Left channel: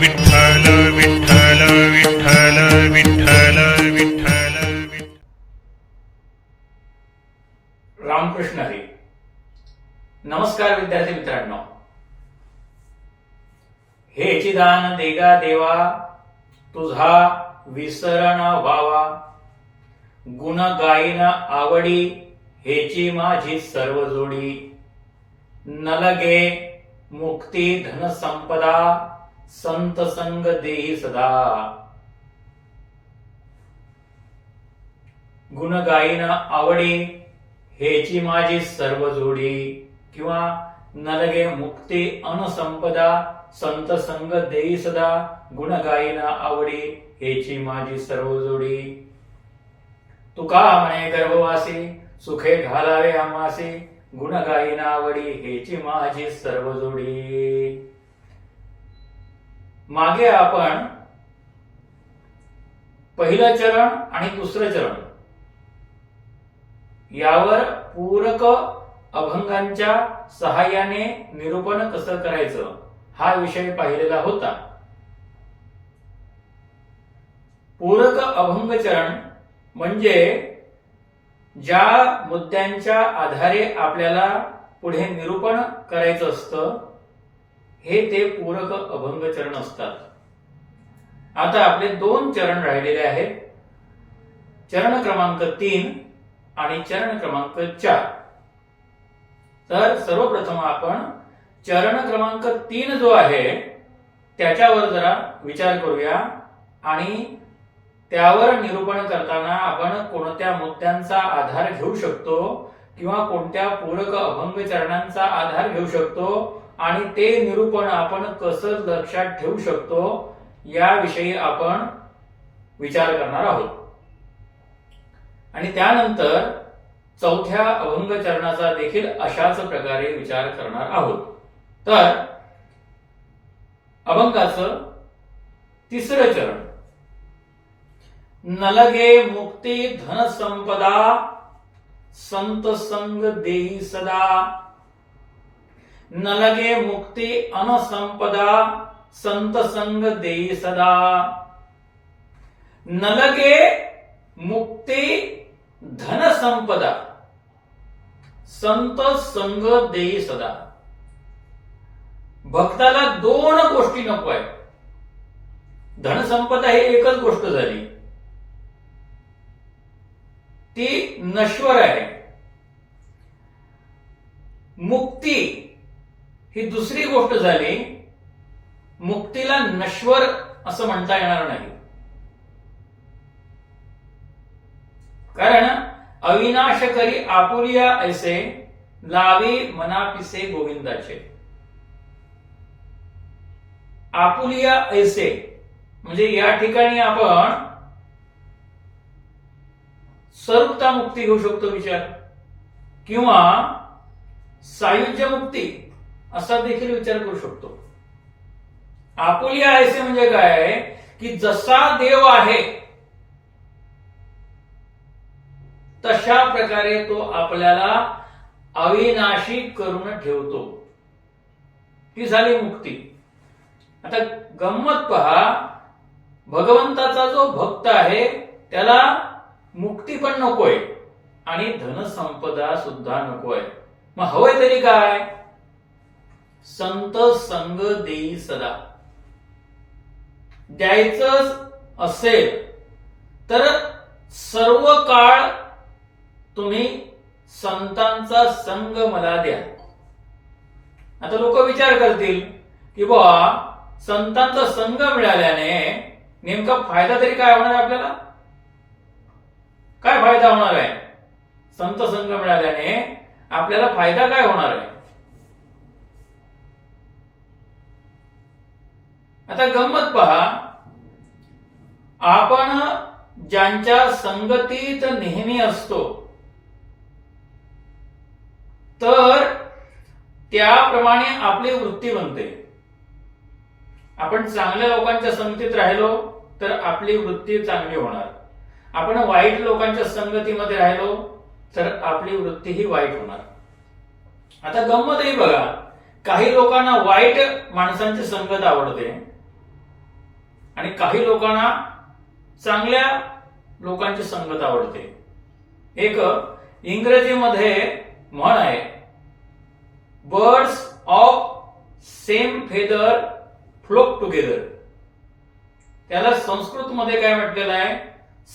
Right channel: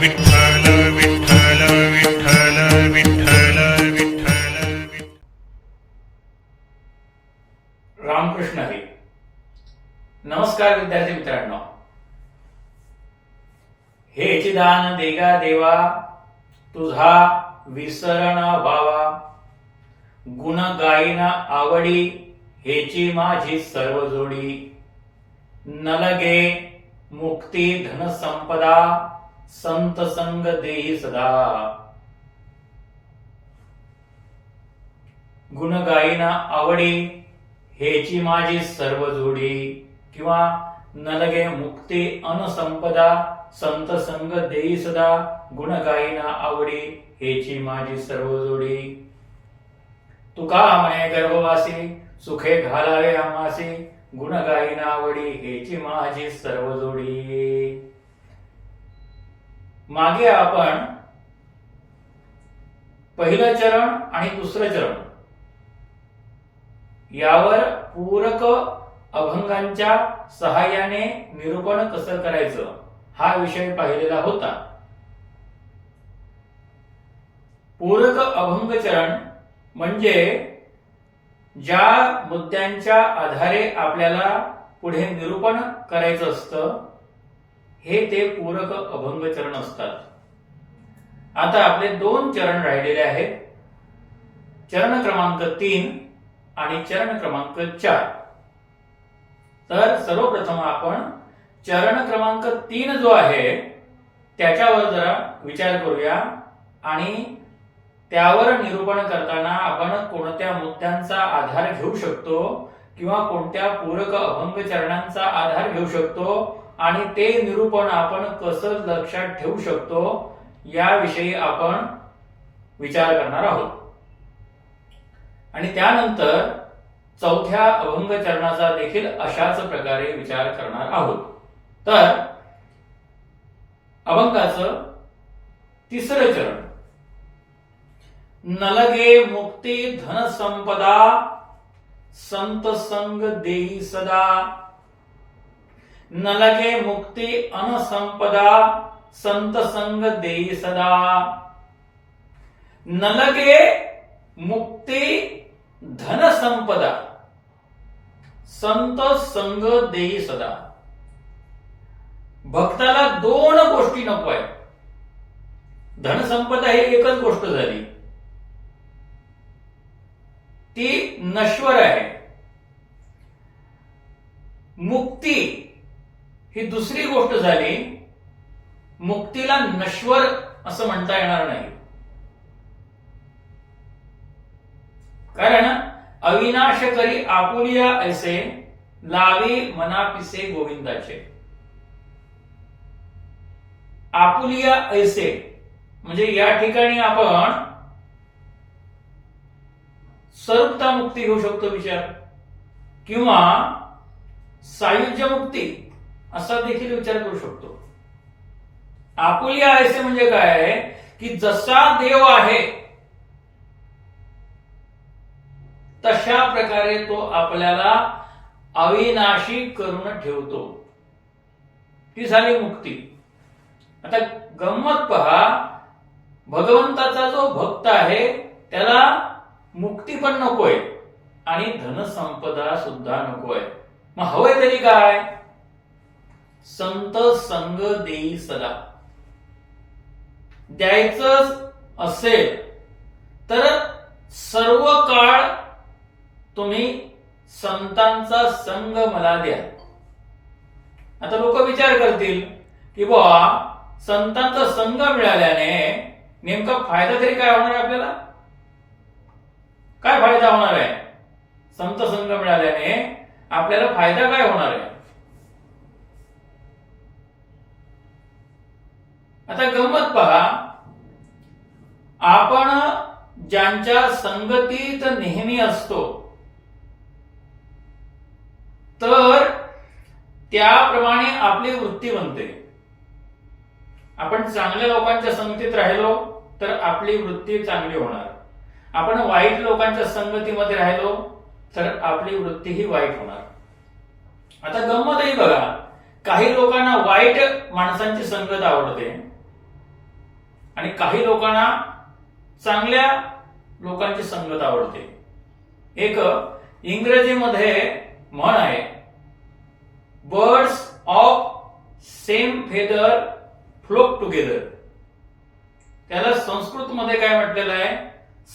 विठ्ठल विठ्ठल विठ्ठल विठ्ठल विठ्ठल रामकृष्ण हरी. नमस्कार विद्यार्थी मित्रांनो. हे चिदान देगा देवा तुझा विसरण व्हावा. गुण गायन आवडी हेची माझी सर्व जोडी. नलगे मुक्ती धन संपदा संत संग देही सदा. गुण गायीना आवडी हेची माझी सर्व जोडी. किंवा नलगे मुक्ती अनुसंपदा संत संग देई सदा. गुण गायीना आवडी हेची माझी सर्व जोडी. तुका म्हणे गर्भवासी सुखे घालावे आमासी गुण गायीना आवडी हेची माझी सर्व जोडी. मागे आपण पहिलं चरण आणि दुसरं चरण. यावर पूरक अभंगांच्या सहाय्याने निरूपण कसं करायचं हा विषय पाहिलेला होता. पूरक अभंग चरण म्हणजे ज्या मुद्द्यांच्या आधारे आपल्याला पुढे निरूपण करायचं असतं हे ते पूरक अभंग चरण असतात. आता आपले दोन चरण राहिलेले आहेत. चरण क्रमांक तीन आणि चरण क्रमांक चार. तर सर्वप्रथम आपण चरण क्रमांक तीन जो आहे त्याच्यावर जरा विचार करूया आणि त्यावर निरूपण करताना आपण कोणत्या मुद्द्यांचा आधार घेऊ शकतो किंवा कोणत्या पूरक अभंग चरणांचा आधार घेऊ शकतो आणि ते निरूपण आपण कसं लक्षात ठेवू शकतो याविषयी आपण विचार करणार आहोत. आणि त्यानंतर चौथ्या अभंग चरणाचा देखील अशाच प्रकारे विचार करणार आहोत. तर अभंगाचं तिसरं चरण. नलगे मुक्ती धनसंपदा संत संग देई सदा. नलगे मुक्ती अनुसंपदा संत संग देई सदा। नलगे मुक्ती धन संपदा संत संग देई सदा। भक्ताला दोन गोष्टी नको आहे धनसंपदा ही एकच गोष्ट झाली. ती नश्वर आहे. मुक्ती ही दुसरी गोष्ट झाली मुक्तीला नश्वर असं म्हणता येणार नाही. कारण अविनाश करी आपुलिया ऐसे लावी मनापिसे गोविंदाचे. आपुलिया ऐसे म्हणजे या ठिकाणी आपण स्वरूपता मुक्ती घेऊ शकतो विचार. किंवा सायुज्य मुक्ती. असा देखील विचार करू शकतो. आपुली ऐसे म्हणजे काय की जसा देव आहे तशा प्रकारे तो आपल्याला अविनाशी करून ठेवतो. ती झाली मुक्ती. आता गंमत पहा. भगवंताचा जो भक्त आहे त्याला मुक्ती पण नकोय आणि धनसंपदा सुद्धा नकोय. मग हवंय तरी काय? संत संग देई सदा. द्यायचं असेल तर सर्व काळ तुम्ही संतांचा संग मला द्या. आता लोक विचार करतील की बुवा संतांचा संघ मिळाल्याने नेमका फायदा तरी काय होणार आहे आपल्याला? काय फायदा होणार आहे? संत संघ मिळाल्याने आपल्याला फायदा काय होणार आहे? आता गंमत पहा. आपण ज्यांच्या संगतीत नेहमी असतो तर त्याप्रमाणे आपली वृत्ती बनते. आपण चांगल्या लोकांच्या संगतीत राहिलो तर आपली वृत्ती चांगली होणार. आपण वाईट लोकांच्या संगतीमध्ये राहिलो तर आपली वृत्ती ही वाईट होणार. आता गंमतही बघा. काही लोकांना वाईट माणसांची संगत आवडते. आणि काही लोकांना चांगल्या लोकांची संगत आवडते. एक इंग्रजीमध्ये म्हण आहे birds of same feather flock together त्याला संस्कृतमध्ये काय म्हटलेलं आहे?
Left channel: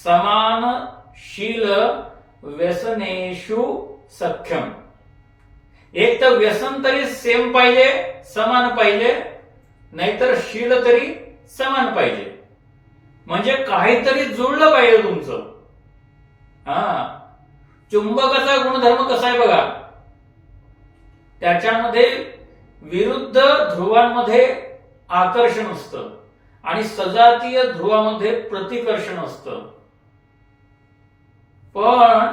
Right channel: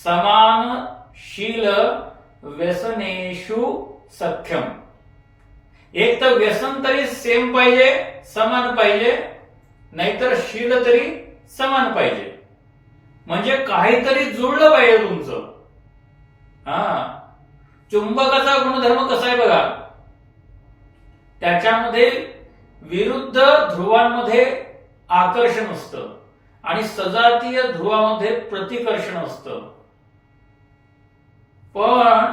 समान शील व्यसनेशु सख्यम. एक तर व्यसन तरी सेम पाहिजे समान पाहिजे नाहीतर शील तरी समान पाहिजे. म्हणजे काहीतरी जुळलं पाहिजे तुमचं. हा. चुंबकाचा गुणधर्म कसा आहे बघा? त्याच्यामध्ये विरुद्ध ध्रुवांमध्ये आकर्षण असतं. आणि सजातीय ध्रुवामध्ये प्रतिकर्षण असतं. पण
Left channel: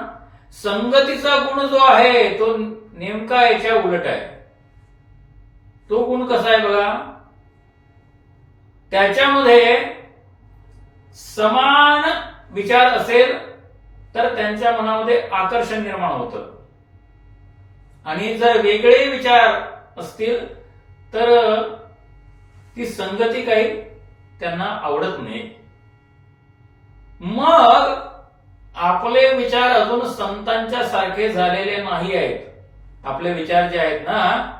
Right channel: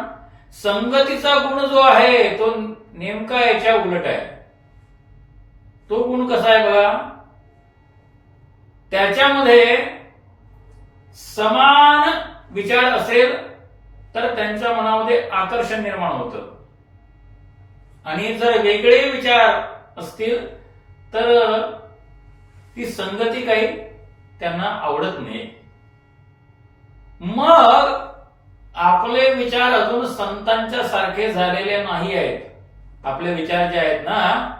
संगतीचा गुण जो आहे तो नेमका याच्या उलट आहे. तो गुण कसा आहे बघा? त्याच्यामध्ये समान विचार असेल तर त्यांच्या मनामध्ये आकर्षण निर्माण होतं. आणि जर वेगळे विचार असतील तर ती संगती काही त्यांना आवडत नाही. मग आपले विचार अजून संतांच्या सारखे झालेले नाही आहेत. आपले विचार जे आहेत ना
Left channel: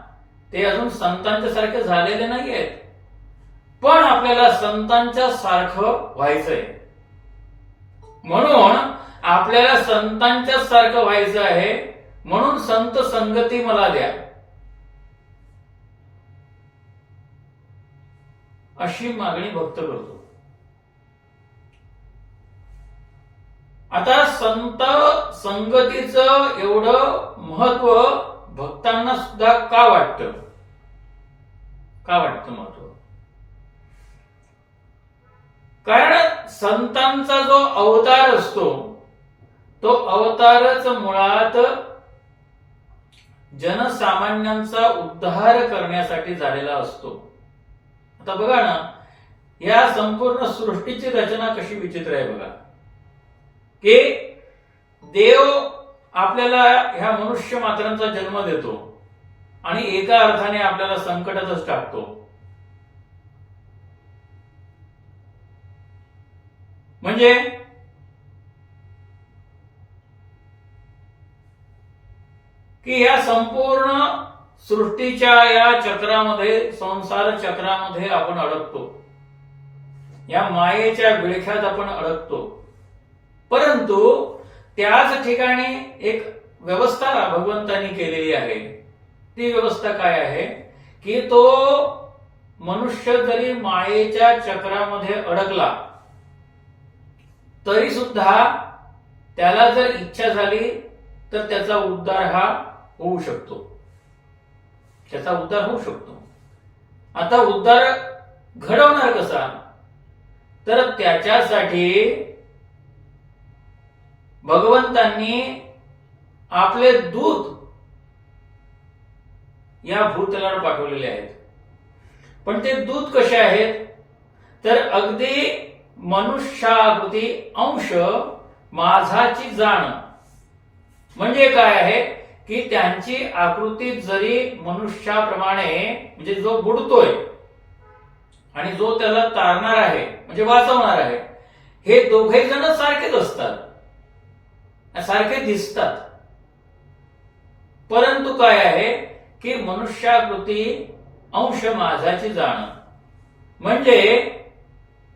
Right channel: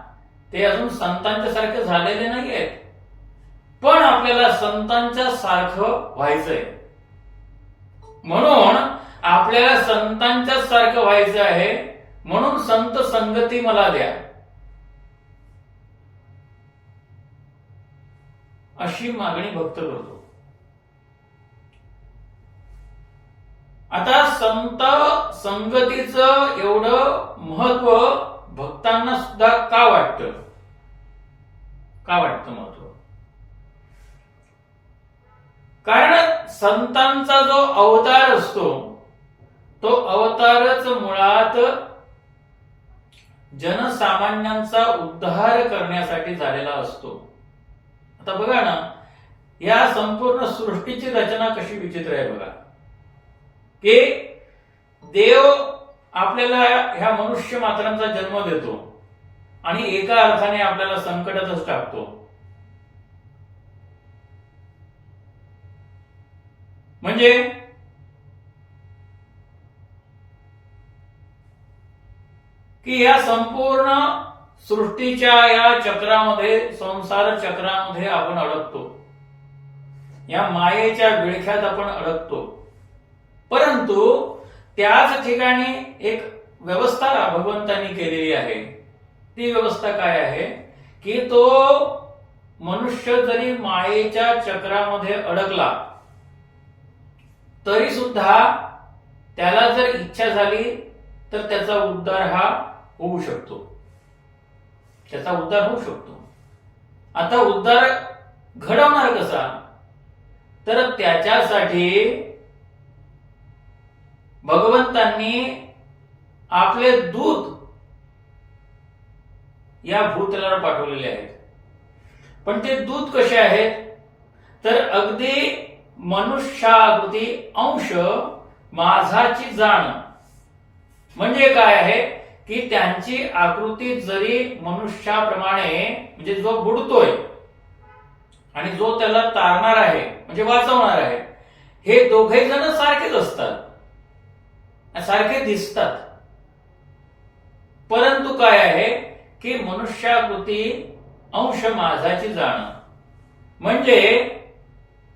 ते अजून संतांच्या सारखे झालेले नाही आहेत. पण आपल्याला संतांच्या सारखं व्हायचंय. म्हणून आपल्याला संतांच्या सारखं व्हायचं आहे. म्हणून संत संगती मला द्या. अशी मागणी भक्त करतो. आता संत संगतीचं एवढं महत्त्व भक्तांना सुद्धा का वाटतं? का वाटतं महत्त्व? कारण संतांचा जो अवतार असतो तो अवतारच मुळात जनसामान्यांचा उद्धार करण्यासाठी झालेला असतो. आता बघा ना या संपूर्ण सृष्टीची रचना कशी विचित्र आहे बघा. की देव आपल्याला ह्या मनुष्य मात्रांचा जन्म देतो आणि एका अर्थाने आपल्याला संकटातच टाकतो. म्हणजे? की या संपूर्ण सृष्टीच्या या चक्रामध्ये संसार चक्रामध्ये आपण अडकतो. या मायेच्या विळख्यात आपण अडकतो. परंतु त्याच ठिकाणी एक व्यवस्था भगवंतांनी केलेली आहे. ती व्यवस्था काय आहे? की तो मनुष्य जरी मायेच्या चक्रामध्ये अडकला तरी सुद्धा त्याला जर इच्छा झाली तर त्याचा उद्धार हा होऊ शकतो. त्याचा उद्धार होऊ शकतो. आता उद्धार घडवणार कसा? तर त्याच्यासाठी भगवंतांनी आपले दूत या भूतलावर पाठवलेले आहेत. पण ते दूत कसे आहेत? तर अगदी मनुष्याकृती अंश माझाची जाण. म्हणजे काय आहे? की त्यांची आकृती जरी मनुष्याप्रमाणे म्हणजे जो बुडतोय आणि जो त्याला तारणार आहे म्हणजे वाचवणार आहे हे दोघे जण सारखेच असतात. सारखे दिसतात. परंतु काय आहे? की मनुष्याकृती अंश माझाची जाण. म्हणजे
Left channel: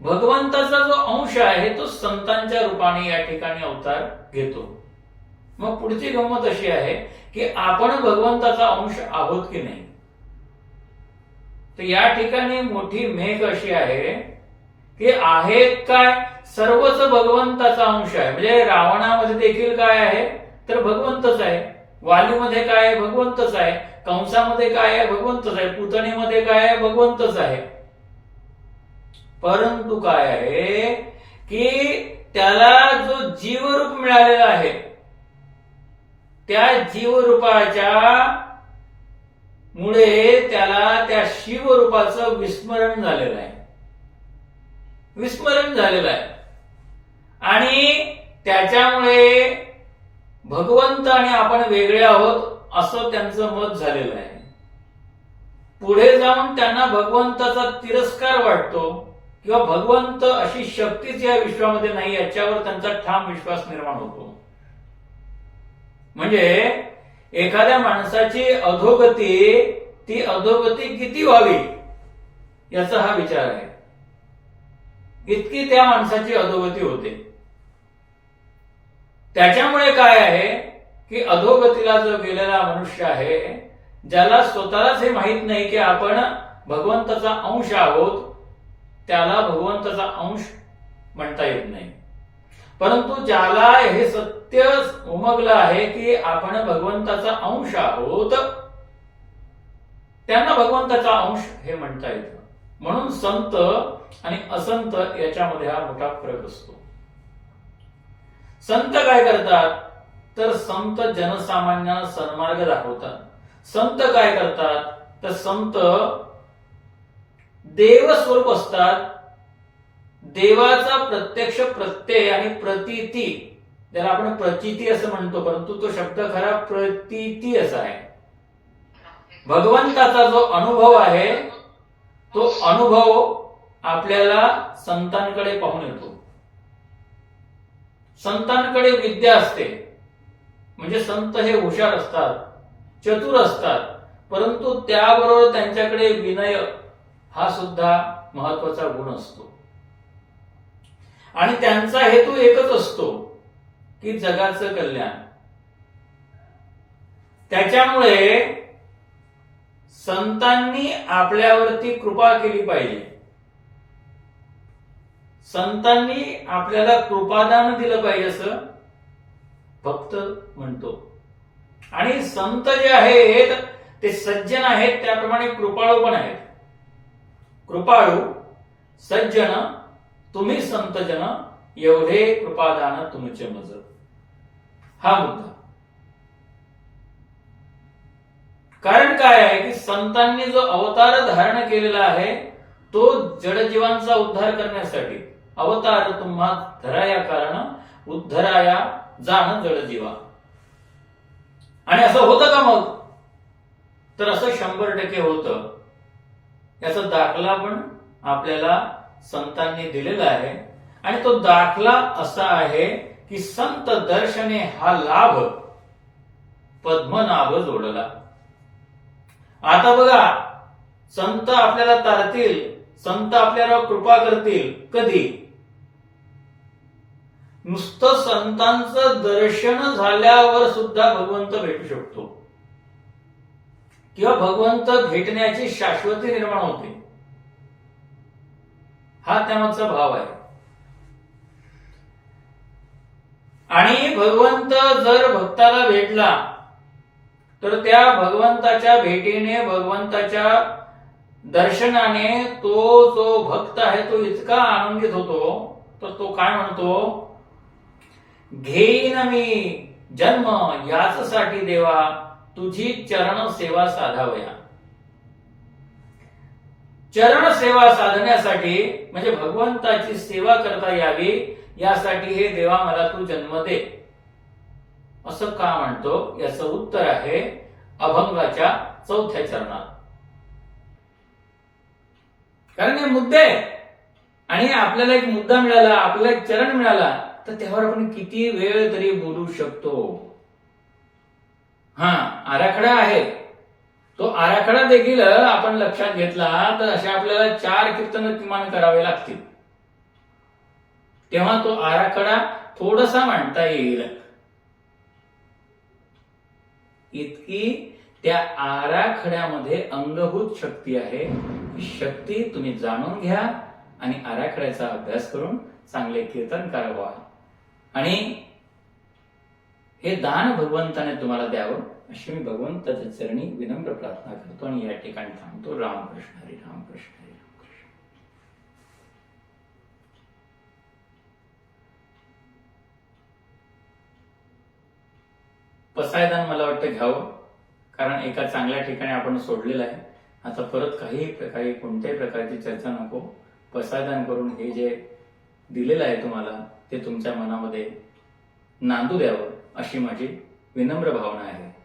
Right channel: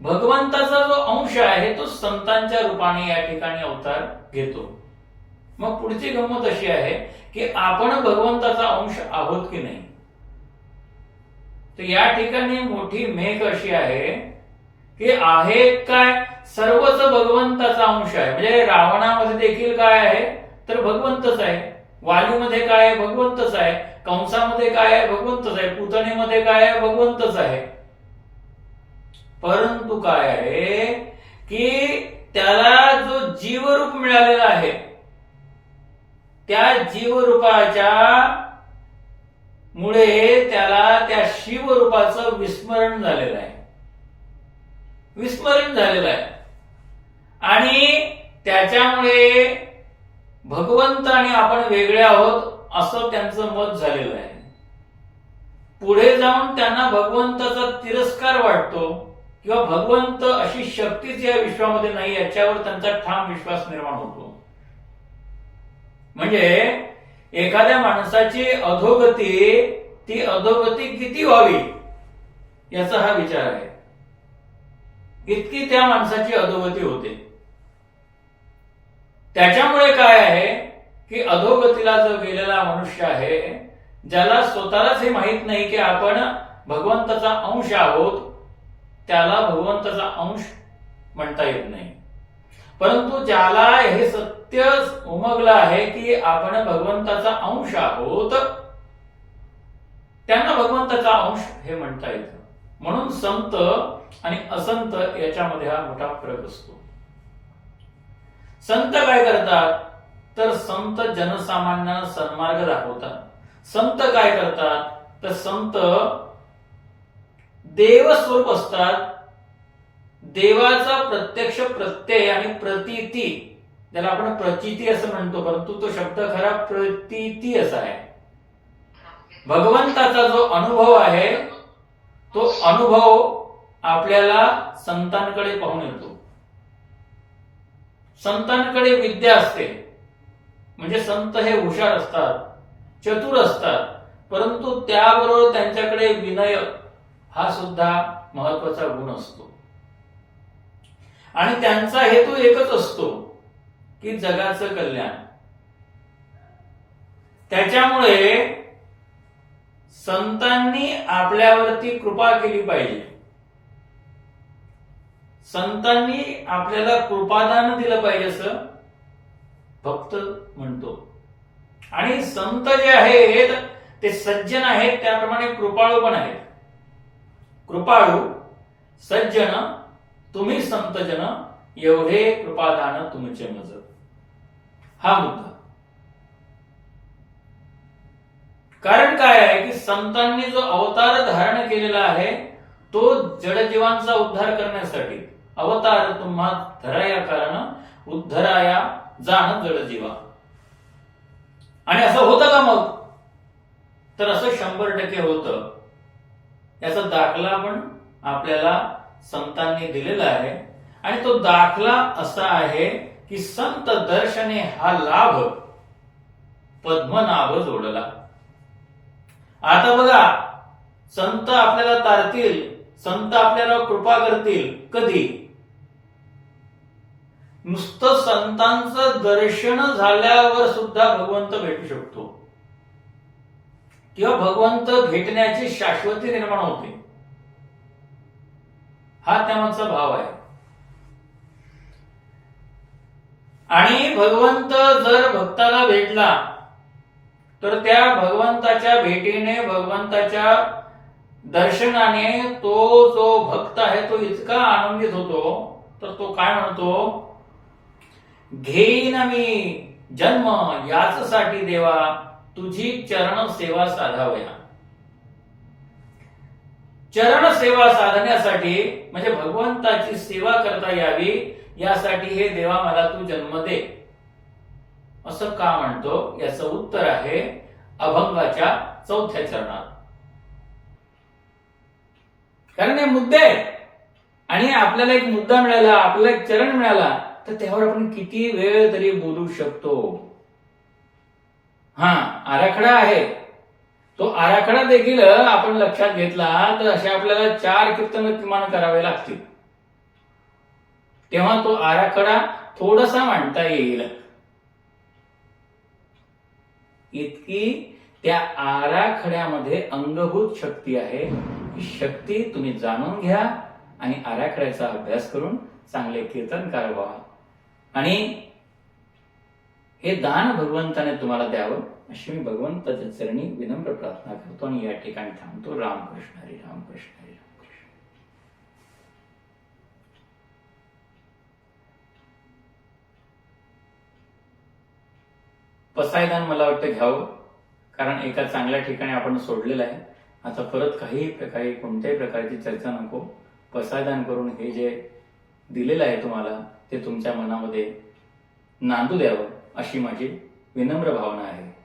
भगवंताचा जो अंश आहे तो संतांच्या रूपाने या ठिकाणी अवतार घेतो. मग पुढची गंमत अशी आहे की आपण भगवंताचा अंश आहोत की नाही? तर या ठिकाणी मोठी मेघ अशी आहे की आहे काय? सर्वच भगवंताचा अंश आहे. म्हणजे रावणामध्ये देखील काय आहे? तर भगवंतच आहे. वालीमध्ये काय आहे? भगवंतच आहे. कंसामध्ये काय आहे? भगवंतच आहे. पुतणीमध्ये काय आहे? भगवंतच आहे. परंतु काय आहे की त्याला जो जीवरूप मिळालेला आहे त्या जीवरूपाच्या मुळे त्याला त्या शिवरूपाचं विस्मरण झालेलं आहे. विस्मरण झालेलं आहे. आणि त्याच्यामुळे भगवंत आणि आपण वेगळे आहोत असं त्यांचं मत झालेलं आहे. पुढे जाऊन त्यांना भगवंताचा तिरस्कार वाटतो. किंवा भगवंत अशी शक्तीच या विश्वामध्ये नाही याच्यावर त्यांचा ठाम विश्वास निर्माण होतो. म्हणजे एखाद्या माणसाची अधोगती ती अधोगती किती व्हावी याचा हा विचार आहे. इतकी त्या माणसाची अधोगती होते. त्याच्यामुळे काय आहे की अधोगतीला जो गेलेला मनुष्य आहे ज्याला स्वतःलाच हे माहीत नाही की आपण भगवंताचा अंश आहोत त्याला भगवंताचा अंश म्हणता येत नाही. परंतु ज्याला हे सत्य उमगलं आहे की आपण भगवंताचा अंश आहोत त्यांना भगवंताचा अंश हे म्हणता येतं. म्हणून संत आणि असंत याच्यामध्ये हा मोठा फरक असतो. संत काय करतात? तर संत जनसामान्यांना सन्मार्ग दाखवतात. संत काय करतात? तर संत देव स्वरूप असतात. देवाचा प्रत्यक्ष प्रत्यय आणि प्रतीती. ज्याला आपण प्रचिती असं म्हणतो परंतु तो शब्द खरा प्रतीती असा आहे. भगवंताचा जो अनुभव आहे तो अनुभव आपल्याला संतांकडे पाहून येतो. संतांकडे विद्या असते. म्हणजे संत हे हुशार असतात चतुर असतात परंतु त्याबरोबर त्यांच्याकडे विनय हा सुद्धा महत्त्वाचा गुण असतो. आणि त्यांचा हेतू एकच असतो की जगाचं कल्याण. त्याच्यामुळे संतांनी आपल्यावरती कृपा केली पाहिजे. संतांनी आपल्याला कृपादान दिलं पाहिजे असं भक्त म्हणतो. आणि संत जे आहेत ते सज्जन आहेत त्याप्रमाणे कृपाळू पण आहेत. कृपाळू सज्जन तुम्ही संतजन एवढे कृपादान तुमचे मज हा मुद्दा. कारण काय आहे की संतांनी जो अवतार धारण केलेला आहे तो जडजीवांचा उद्धार करण्यासाठी अवतार तुम्हा धराया कारण उद्धराया जाण जडजीवा आणि असं होतं का मग? तर असं शंभर टक्के होतं. याचा दाखला पण आपल्याला संतांनी दिलेला आहे. आणि तो दाखला असा आहे की संत दर्शने हा लाभ पद्मनाभ जोडला. आता बघा संत आपल्याला तारतील संत आपल्याला कृपा करतील कधी? नुसतं संतांचं दर्शन झाल्यावर सुद्धा भगवंत भेटू शकतो. किंवा भगवंत भेटण्याची शाश्वती निर्माण होते. हा त्यांचा भाव आहे. आणि भगवंत जर भक्ताला भेटला तर त्या भगवंताच्या भेटीने भगवंताच्या दर्शनाने तो जो भक्त आहे तो इतका आनंदित होतो तर तो काय म्हणतो? घेईन मी जन्म याचसाठी देवा तुझी चरण सेवा साधावया चरण सेवा साधण्यासाठी म्हणजे भगवंताची सेवा करता यावी यासाठी हे देवा मला तू जन्म दे. असं का म्हणतो? याचं उत्तर आहे अभंगाच्या चौथ्या चरणात. कारण हे मुद्दे आहेत. आणि आपल्याला एक मुद्दा मिळाला आपल्याला एक चरण मिळाला तर त्यावर आपण किती वेळ तरी बोलू शकतो. हा आराखडा आहे. तो आराखडा देखील आपण लक्षात घेतला तर असे आपल्याला चार कीर्तन किमान करावे लागतील. तेव्हा तो आराखडा थोडासा मांडता येईल. इतकी त्या आराखड्यामध्ये अंगभूत शक्ती आहे ही शक्ती तुम्ही जाणून घ्या आणि आराखड्याचा अभ्यास करून चांगले कीर्तन करावा. आणि हे दान भगवंताने तुम्हाला द्यावं अशी मी भगवंताच्या चरणी विनम्र प्रार्थना करतो आणि या ठिकाणी थांबतो. रामकृष्ण हरी रामकृष्ण हरी रामकृष्ण पसायदान मला वाटतं घ्यावं कारण एका चांगल्या ठिकाणी आपण सोडलेलं आहे. आता परत काही प्रकारे कोणत्याही प्रकारची चर्चा नको. पसायदान करून हे जे दिलेलं आहे तुम्हाला ते तुमच्या मनामध्ये नांदू द्यावं. अशी माझी विनम्र भावना आहे.